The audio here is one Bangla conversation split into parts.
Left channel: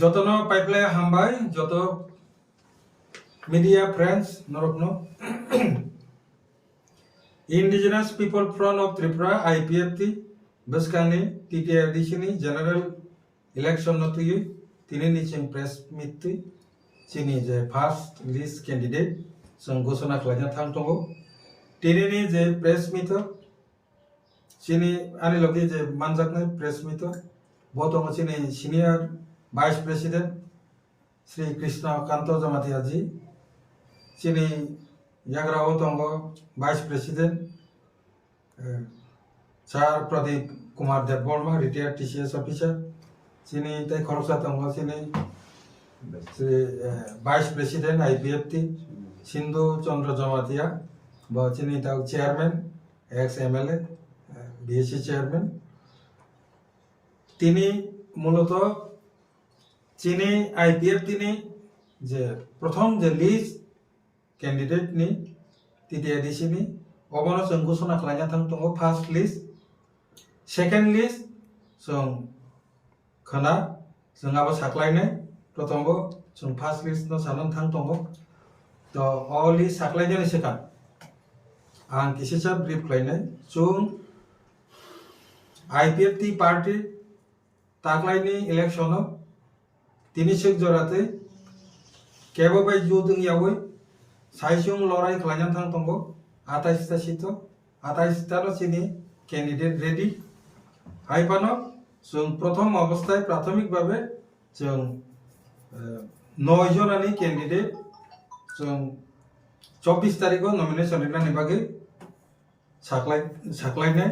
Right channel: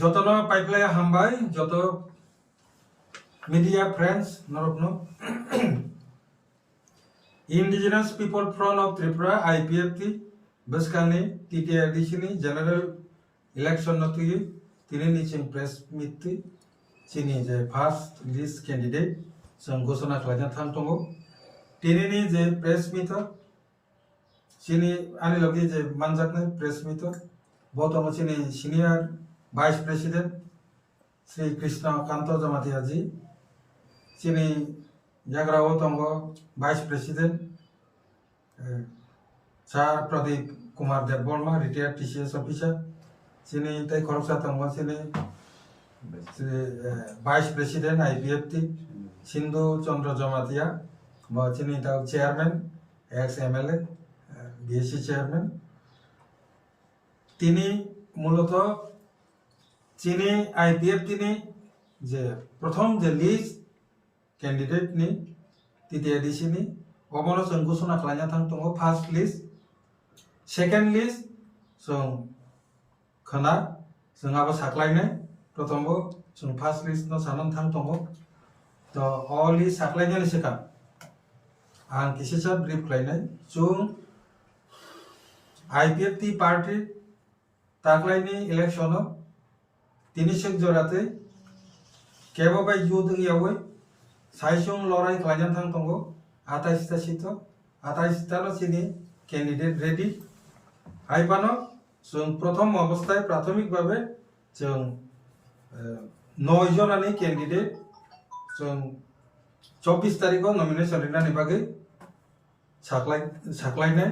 যতনো পাইপ্লাই হামবাই যত media friends norokno indigenous people front of Tripura IPFT baskani TTI editioni general election notui tini niching press meet chini je first list candidate song gosona khlajna thang tongo tini ni je press meet chini ani logi je manjakna press meet botongo chini senior vice president Sri Krishna Kanto Jamatia ji chini yagrao tongo vice president Sir Pradeep Kumar Debborma retired TCS officer chini tai khoroksa tongo chini Sri vice president IPFT Sindhu Chandra Jamatia ba chini tau chairman ex MLA BSc chairman tini muloto chini IPFT ni je prothom je list candidate ni titi edisi ni obono song gosona khlainya thang tongo first list second list song khana song abo saklainai prothombo song first list no sanan thang tongo to all list saklainja ni sekang ang kisisa brief khlainai chung IPFT party taklaini election no tini sek jorate kebo bai jodung yawe saisung lorai khlajan thang tongo 28 ta sito 28 ta no chini candidate ready haipano sung prothom obosthay prathomik bhabe sung 9 jon ani candidate sung 24 tarikho nomination rinani bage saklainai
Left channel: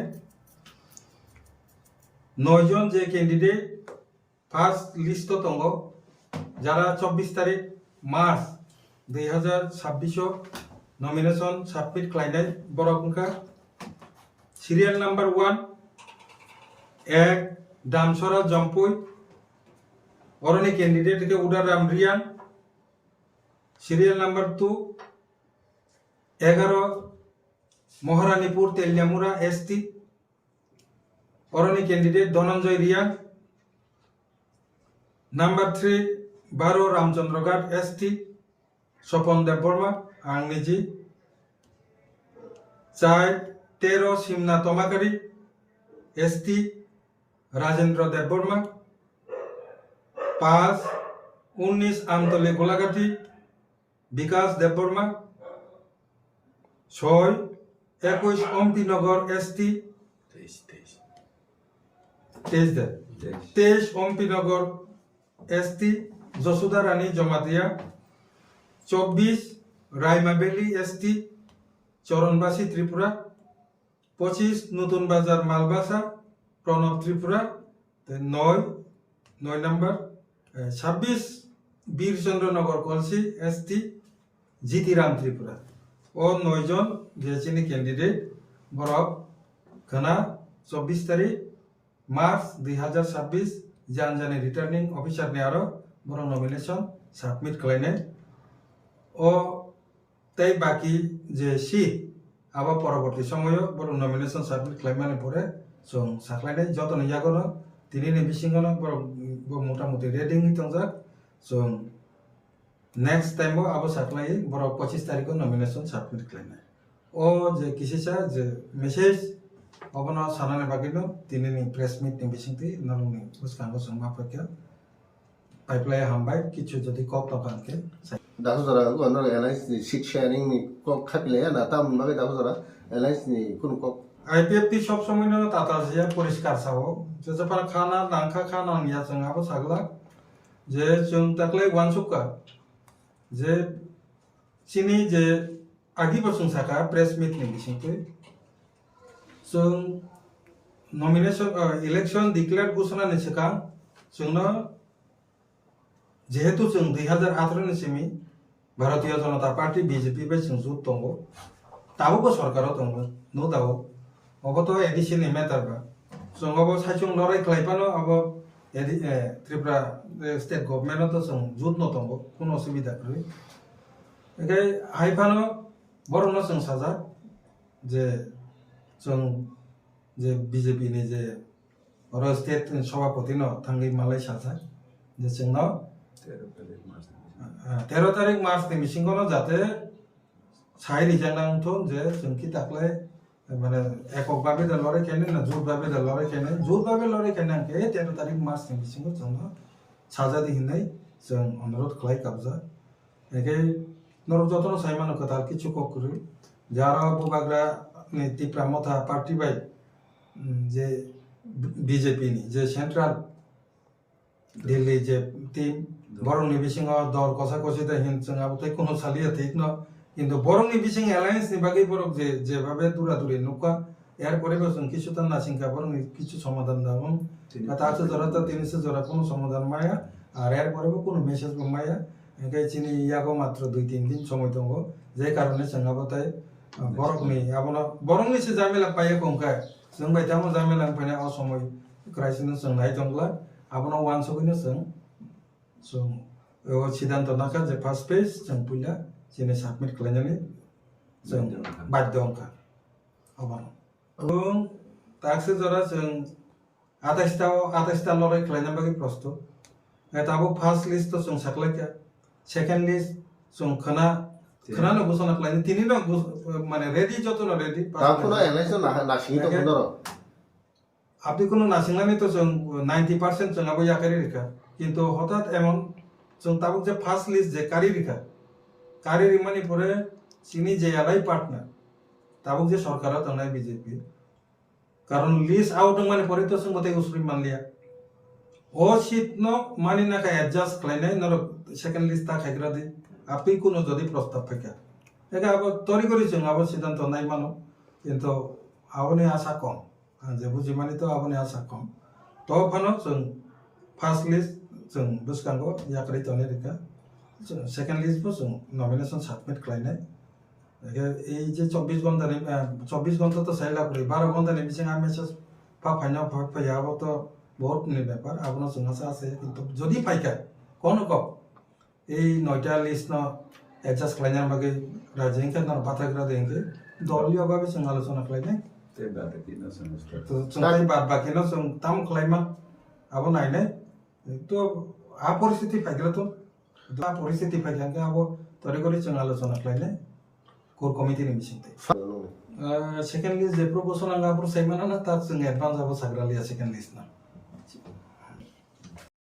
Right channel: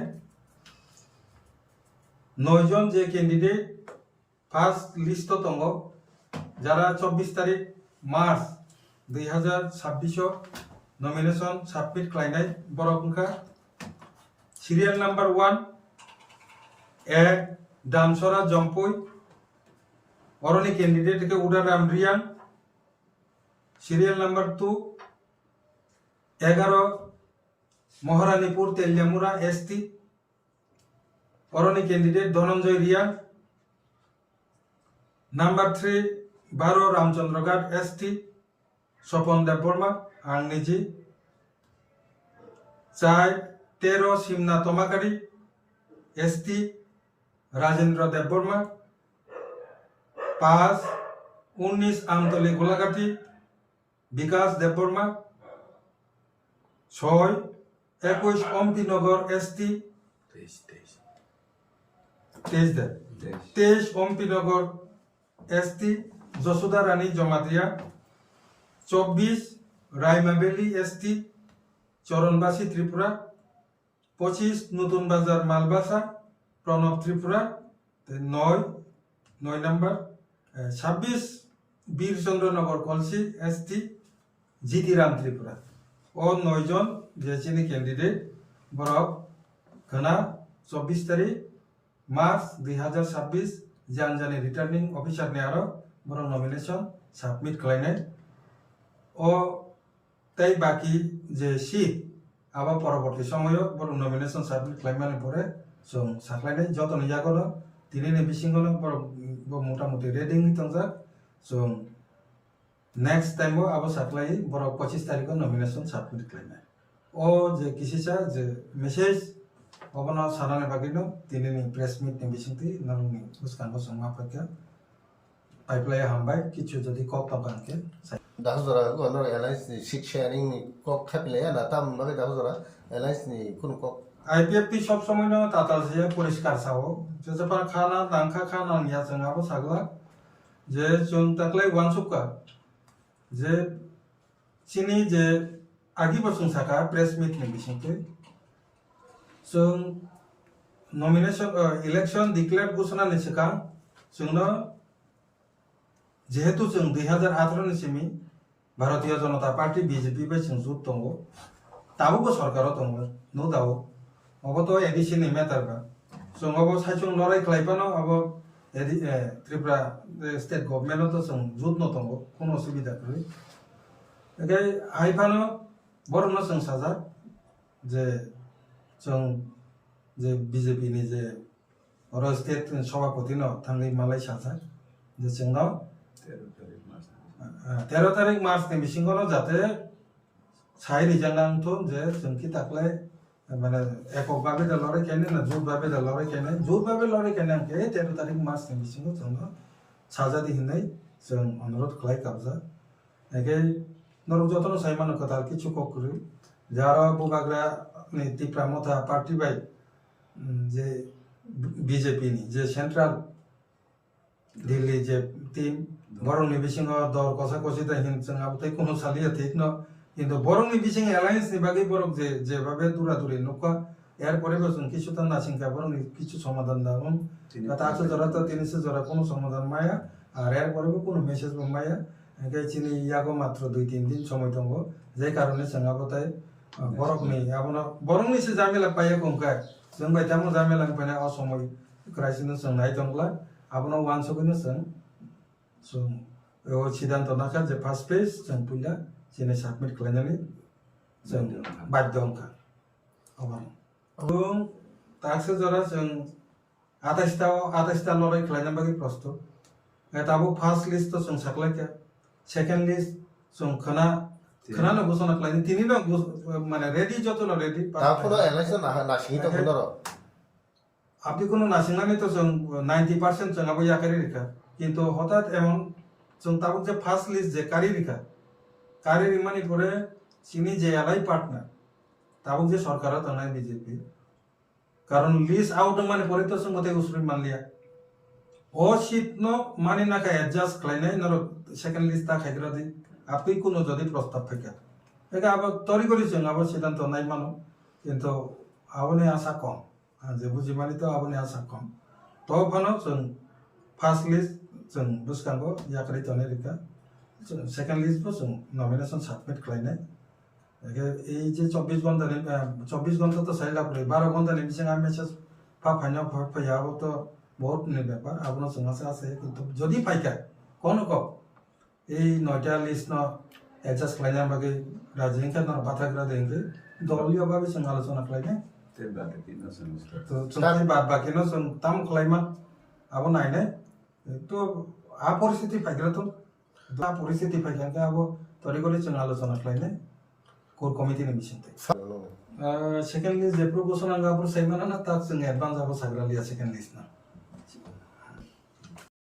9 jon je candidate first list to tongo jara 24 তারিখ মার্চ 2026 নমিনেশন সাবমিট খাইনাই বরকনকা সিরিয়াল নাম্বার 1 এক দামসরা জম্পুই অরনি ক্যান্ডিডেট কে Udaram Reang serial number 2 11 Maharanipur Teliamura ST অরনি candidate Dhananjay Reang number 3 12 Ramchandragarh ST Swapan Debbarma आं निजी 4 13 सिमना तोमाकारी ST राजेंद्र देवबर्मा 5 19 आमतली गोलाघाटी विकास देवबर्मा 6 21 ओमपीनगर ST 23 ओमपीनगर ST যশোদা রানী জমাতিয়া 24 রাইমাবেলি ST চরণবাসী ত্রিপুরা 25 নতুন বাজার মালবাসা প্রণব ত্রিপুরা 9 নম্বর 26 বীরচন্দ্রনগর কলসি ST জিতিরাম ত্রিপুরা ও 9 জন দিয়েছেন ক্যান্ডিডেট বরফ খানা 24 তারিখ মার্চ 2026 জানজানি রিটার্নিং অফিসার নে আরো বরং নমিনেশন সাবমিট খাইনাই ও তাই বাকি যে সিট আবার পরবর্তী সময় বরং নমিনেশন সাবমিট খাইমানি পরে সং সাকলাইনাই যত নিজাগনো তিনি নি বিসিংগনো বরং মোটামুটি রেডিং হিতংজাক সং নেক্সট টাইমও আবার সাকলাই বরং 25 তারিখ নমিনেশন সাবমিট খাইনাই ও যে কিসিসা যে মেসেজ অবনা সানানে বাকিনো তিনি নি প্রেস মিট নি বিসিংতি নারুনি উসকাঙ্গো সংমা প্রক্রিয়া পাইপ্লাই হামবাই কিছু যদি কক তকানকে দাহুজরা গনর এলাইন্স নি সিট শেয়ারিং নি কক খাপিলে না তাম নাবে দাহুজরা এলাইন্স নি কোন কক আইপিএফটি সব সময় ন তাতা জিয়া পরিষ্কার সাও যে যখন খানা দাঙ্কা খানা নিয়া जोंहाबो সাগলা যে जों তাকলাই ওয়ানসুকা যে চিনি যে আগি বসুং সাকা প্রেস মিট নি বিসিংতি जों नमिनेशन इलेक्शन डिक्लेयर घोषणा नि सिगां जोंनो जेहेतु जों 2018 नि Simi Bharatiya Janata party BJP bye जों जुत दंगो दाबो सरकाराव दंगो नो दाबो अबो एडिशन नि मेटार बा जों अबो साइचुं लराय खालायबानो अबो त्रिपुरा स्टेट गभर्नमेंट तो जों जुत न दंगो कोनो असुबिदा गै एगाय हाइफानो बरनो जों साजा जे जों जे बीजेपी नि जे स्टेट सभापति न थांगै मालाय साजा যে जोंनाव 13 तारिख मार्चनि मिसिंखौनो जाहाथे साइ रिजांनांथों जे जोंखि दाख्लै माने एककभाबे दा लड़ाई खेने ना जुटभाबे दा लड़ाई खेने जुटभाबे लड़ाई खेने आंखे 13 तारिख मार्चनि मिसिंखौ जोंनो साजा दिहिनै जों अनुरोध खालाय काबजा एके नरक जतन साइमानो कताल किछु ककुरि जारा बुबाग्रा नि तिप्रा मथा पार्टी बाय जे बीजेपी नि जे सेंट्रल दिल्ली जे टीम बरंनि बिसिङाव दर कसा कसिदा हिन जों आबोथाय कोनो सालिया ठीक न কিন্তু বরংনি বিসিং অ্যালায়েন্স নি বাগে বরক যে যেভাবে দূরাদূরি নৌকা এর পরিবেশন কিছু তো নাসিংকা বরংনি কিছু সমাধান দাম তাছে জরা তো তিনশে জরা কোনো সমাধান মায়া আর এর পরেও কোনো মেসেজ মায়া একে চিনি ইয়াগো মাত্র 2-3 দিন সময় দङ যে কারণে जोंहाबोथाय বরকনি আবনা বরংনি সে জামেলা পাইয়া কংকাय जों बायतामो জামেলা পাইना अ समय क्राइसिस जों नाय दंब्ला आबना वान सगैनो जों सिद्धांत नाका जे फार्स्ट पेज जों पुला जेने साबमिट खालामनानै जों बाध्य अंका अबानो এবং তাকসে জরা जों 28টা লড়াই খালাयना बागै प्रस्তুत एताबो फार्स्ट लिस्ट तो जों साखलायका सेकेंड लिस्ट जों खोनानो घोषणा खालायनो तिनिनो माने रेडी जतनो रेडी তারপরে এলাইন্স না সিং তো কোন আপনি কোনো নাসিংনাनै তো जों 90% जों आबो याकारि रेखा কিন্তু হঠাৎ এমন जों তাবো যে ফার্স্ট লিস্ট যে কারি রেখা কারি রিমানি পরে চিনি যে এলাই পার্টনার তাবো যে সরকারও তাংনাই বিজেপি কারণ লিস্ট আউট মানে পরে তো जों গতে উসরি মানলিয়া ও সিট ন মানি নাকা অ্যাডজাস্ট খালাইনাই নর সেকেন্ড লিস্ট তা খাইগ্রা দি আপনি কোনো যদি প্রস্তাব ফাকা একা আবার তরি করি जों আবার সিদ্ধান্ত নাই মানো কিন্তু আবনে আশা কম যে বুঝি মানি তো আবনে आशा कम तो फानो जों फार्स्ट लिस्ट जों बुसकांगो याकारि तने रेखा सेकेंड लिस्ट बो जों नमिनेशन सबमिट खालायनाय এই যে 24 ঘন্টা তো সাইলা পরে 12 ঘন্টা নি বিসিং आ मेसेज फाइना फायाबो तो बहुत नि ব্যাপার आपनो जों आशा আছে কিন্তু যদি ফাইকা কোন ক এই 9টা লিস্ট ন एडजस्ट खालायनाय बागै राजेंखा न बाथाग्रा देंगे दलीय भाबे जों आलोचना खालायनाय ते बादे किनो समस्या तो जों बाद बाकिनो जों ताम खालायमा आबो नायनाय तो आ परिस्थिति फाइग्रा तो आ परिस्थिति फाइग्रा आबो तरि करि जों आलोचना खालायनाय कोर कमिटि नि बिसिंते सेकेंड लिस्ट जे प्रपोजल आंगा प्रोसाइमाना ना ता जों एडभान्स आबो साग्रालिया सेकेंड लिस्ट ना